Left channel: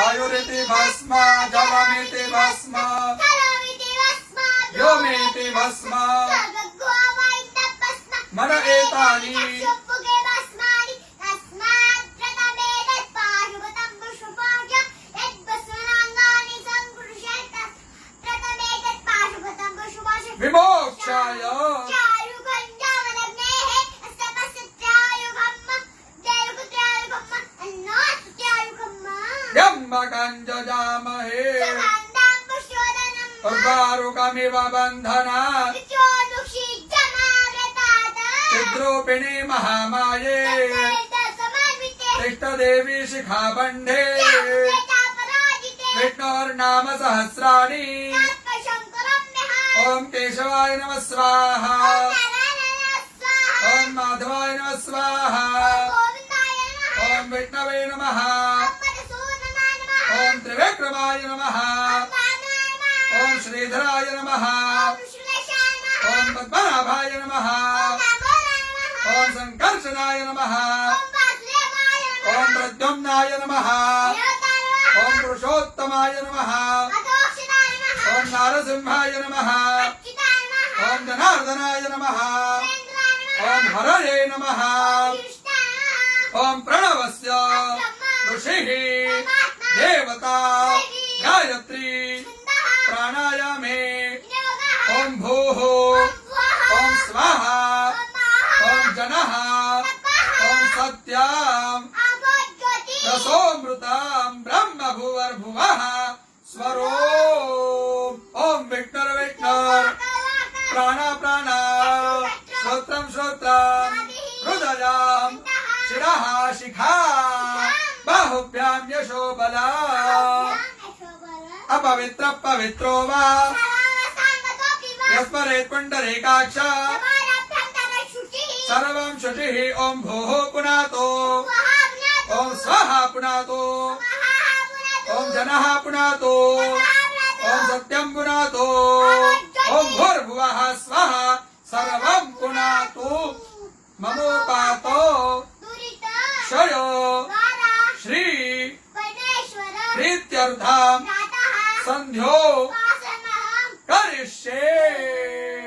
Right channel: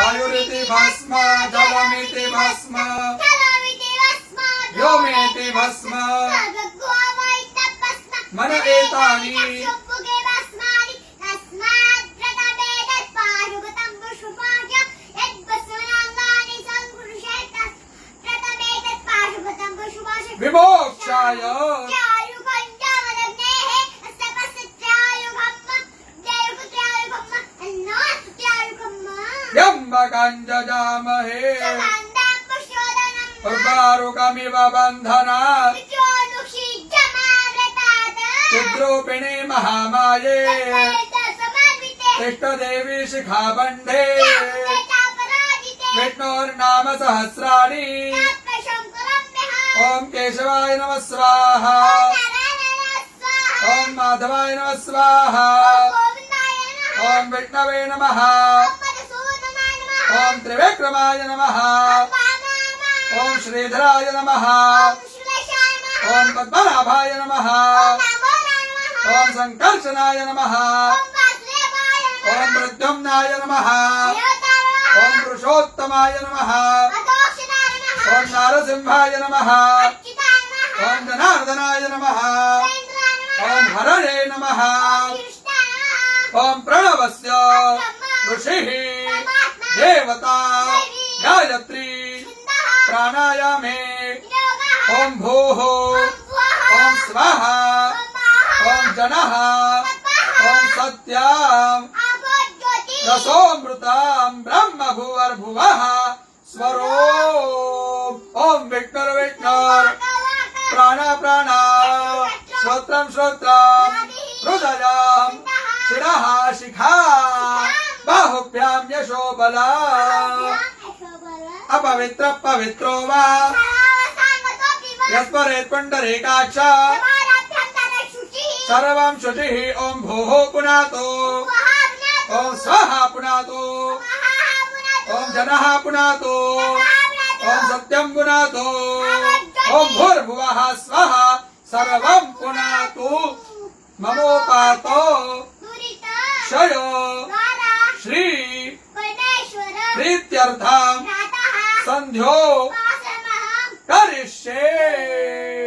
वायुरिति भस्म जलमिति भस्म व्योमेति भस्म मन एतानि विमोक्षाय जजामहे उर्वारुकमिव बन्धनात् चिद्रूपिणी महामाये तिष्ठदेवी शिखाबन्धे विष्णोर्नाम सहस्राणि ओम केशवाय नमः स्वाहा ओम माधवाय नमः स्वाहा ओम विष्णवे नमः ओम त्रिविक्रमाय नमः ओम श्रीधराय नमः ओम पद्मनाभाय नमः ओम संकर्षणाय नमः ओम प्रद्युम्नाय नमः ओम पुरुषोत्तमाय नमः ओम नारसिंहाय नमः ओम जनार्दनाय नमः ओम हरणे नमः ओम प्रणवस्य ऋषिः देवता गायत्री प्राणायामे ओम भूः ओम स्वाहा ओम जनः ओम सत्यं रसोमृतं ब्रह्म भुवर्भुवः स्वरो ओम विष्णुर विष्णुर प्राण प्राण श्रोत्रं श्रोत्रं हृदयं शिरः शिखा बाहुभ्यां यशो बला अपवित्र पवित्रो वा यस्मरेत् पुण्डरीकाक्ष सर्वं शुचिः ओम भोः पुनातो ओम स्वाहा पुनातो ओम जनः पुनातो ओम सत्यं पुनातो ओम भूर्भुवः स्वः सर्वं पुनातु ममोपातो क्षयो श्री प्रीत्यर्थं संध्यो करिष्ये।